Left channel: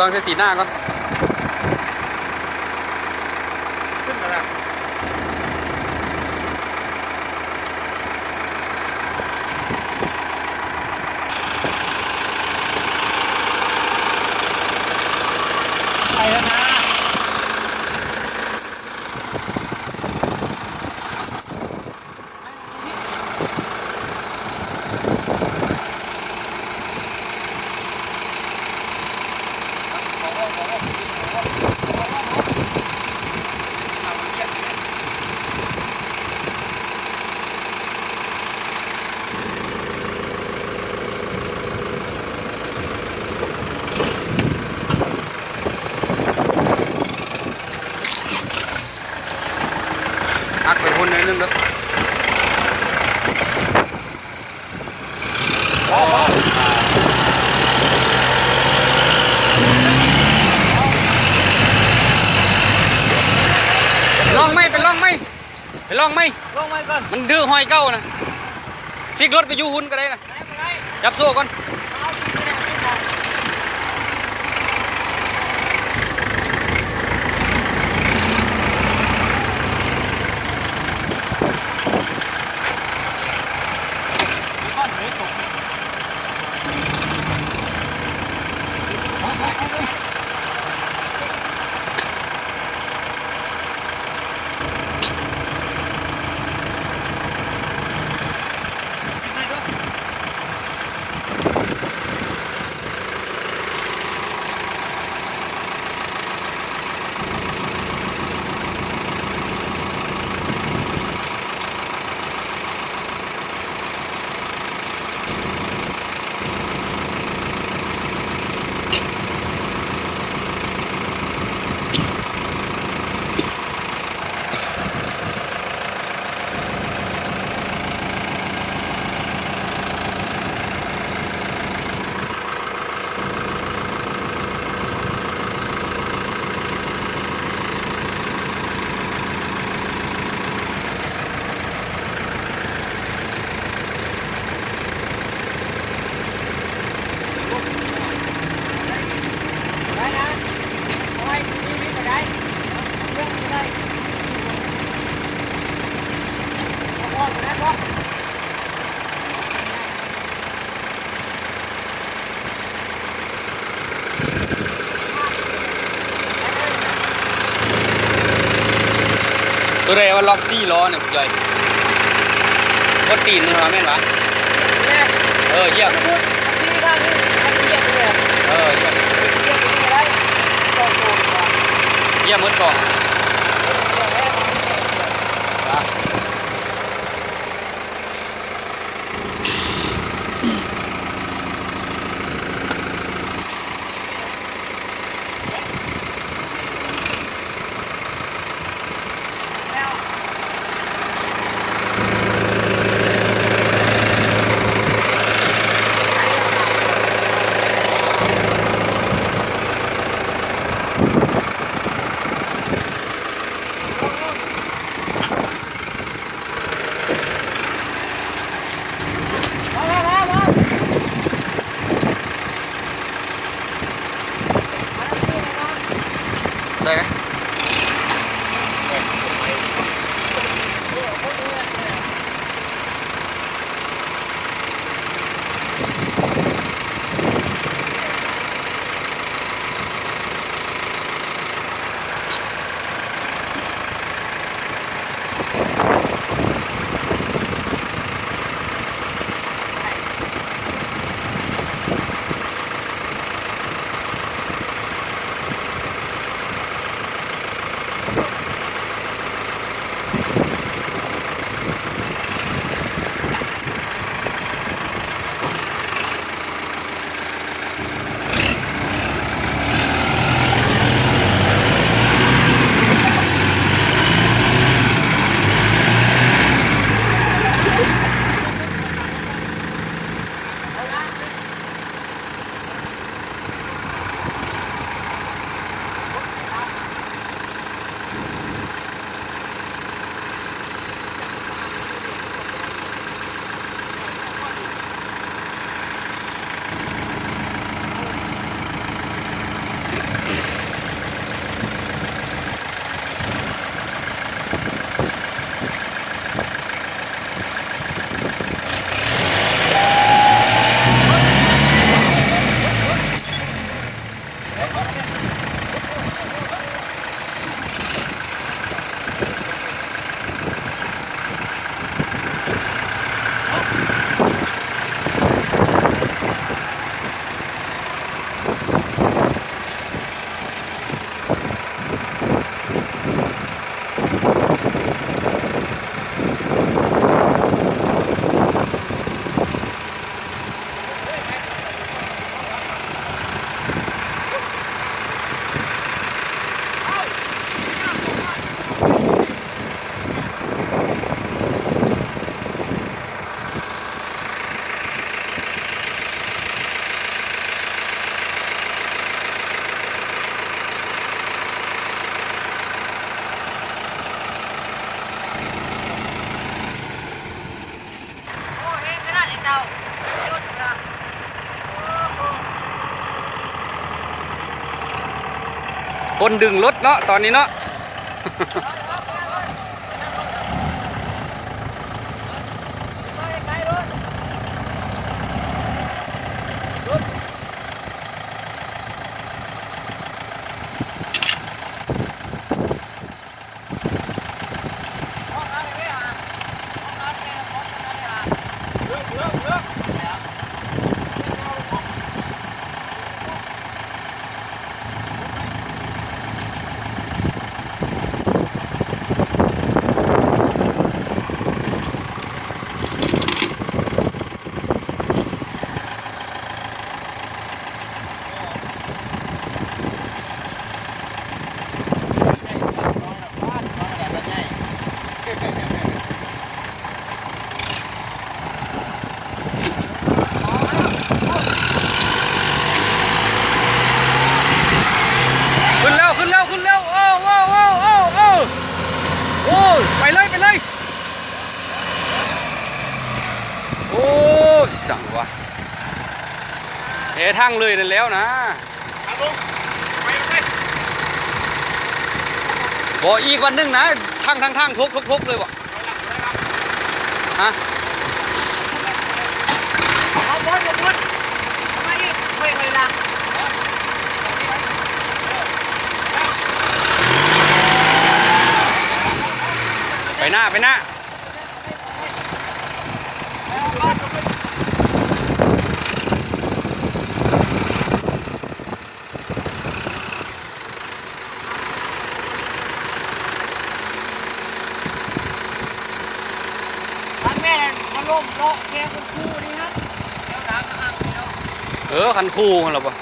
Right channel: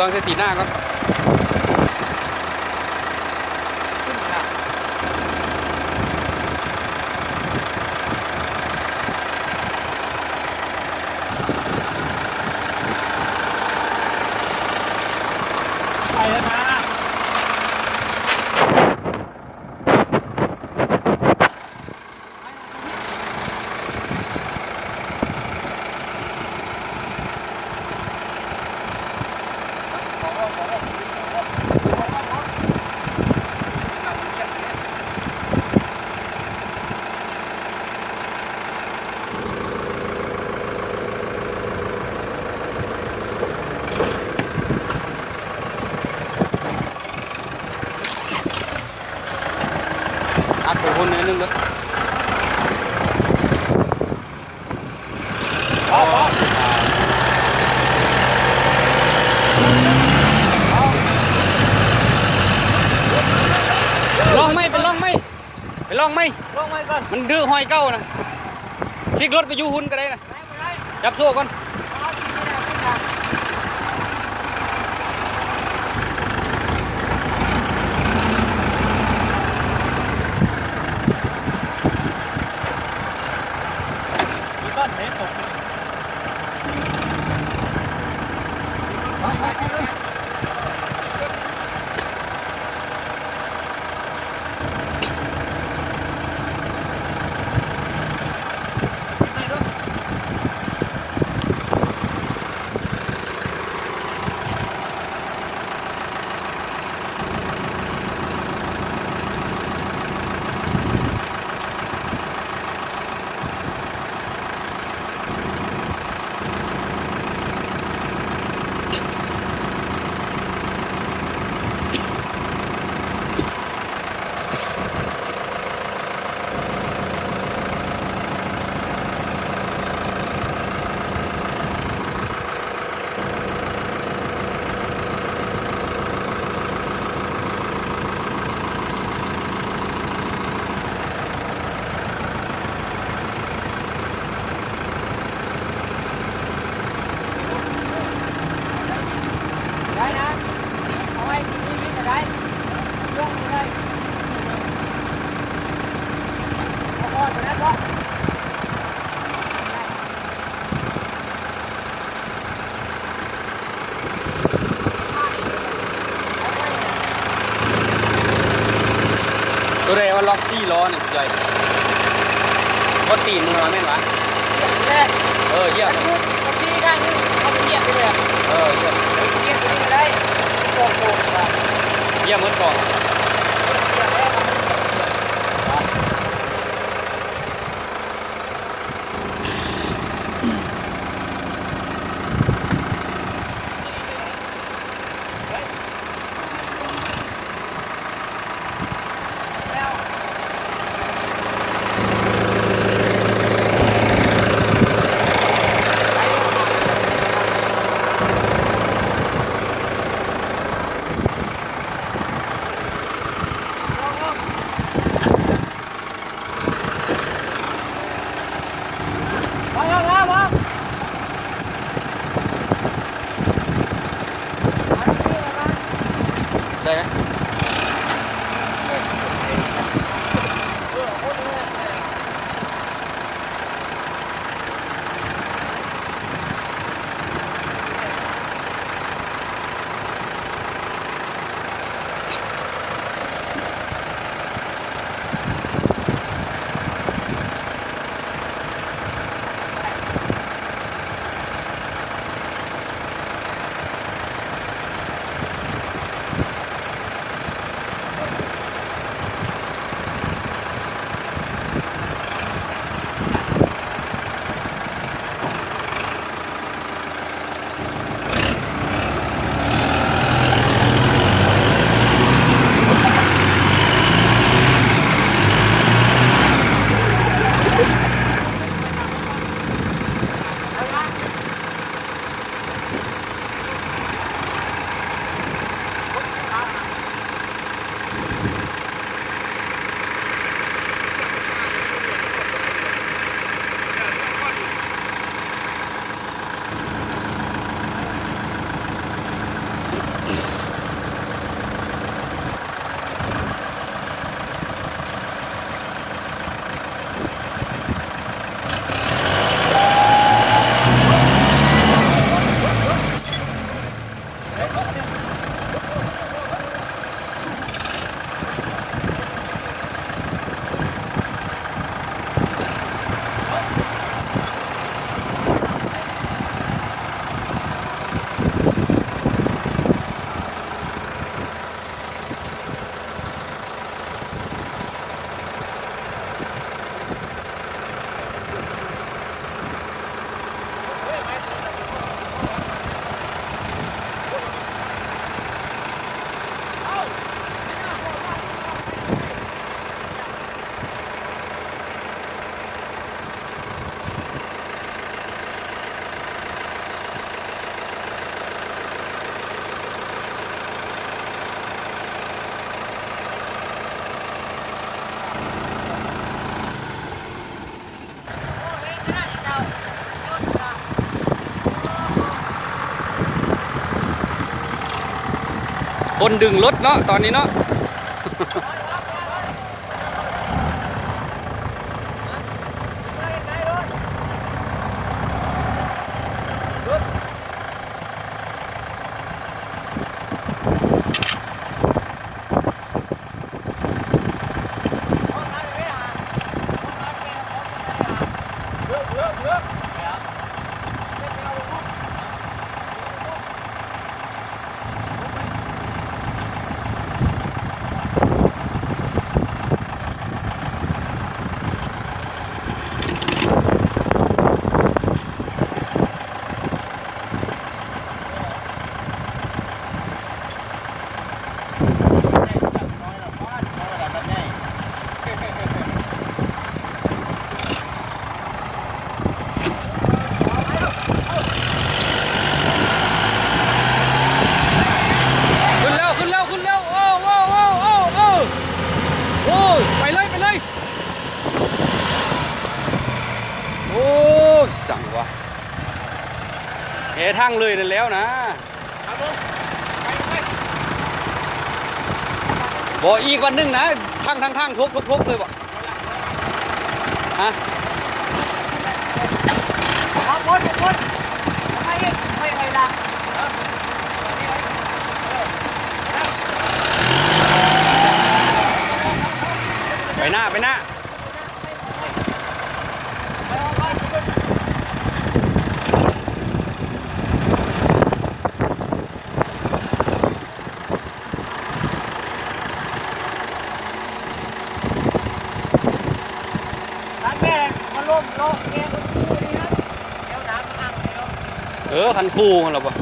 วงเสตีหน้าก่อนไปแล้วนะอักไปคนนึงเด้อลองไหมเป็นลองไหมไปลองไหม ลงมาก่อน มันดื้อหอยเก้านะซิกรถไปยูหุ่นก็ได้นะจับโซ่ก่อนก้อนเห็ดตกตัวเรว่าล็อกซี่ล้อเนี่ยย่อยบดตีนมึงเหรอแม่นวะเยี่ยมเยี่ยมเยี่ยมมือสอง คนดึงรถเนาะตอนนี้เนาะ ขึ้นแล้วขึ้นแล้วขึ้นแล้วโอ้โอ้โอ้โอ้โอ้โอ้ไปเลยไปเลยโอ้สั่งวะเททางเลยนั่นแล้วนะบอกอีกวันหนึงนะทางทุกเลยบอกฮะไปหน้าไปหน้าแม่มาล้มโลกแกคนคู่นี่นะเดี๋ยวน้ำมาอ้างเดียว คันคู่เหรอปะ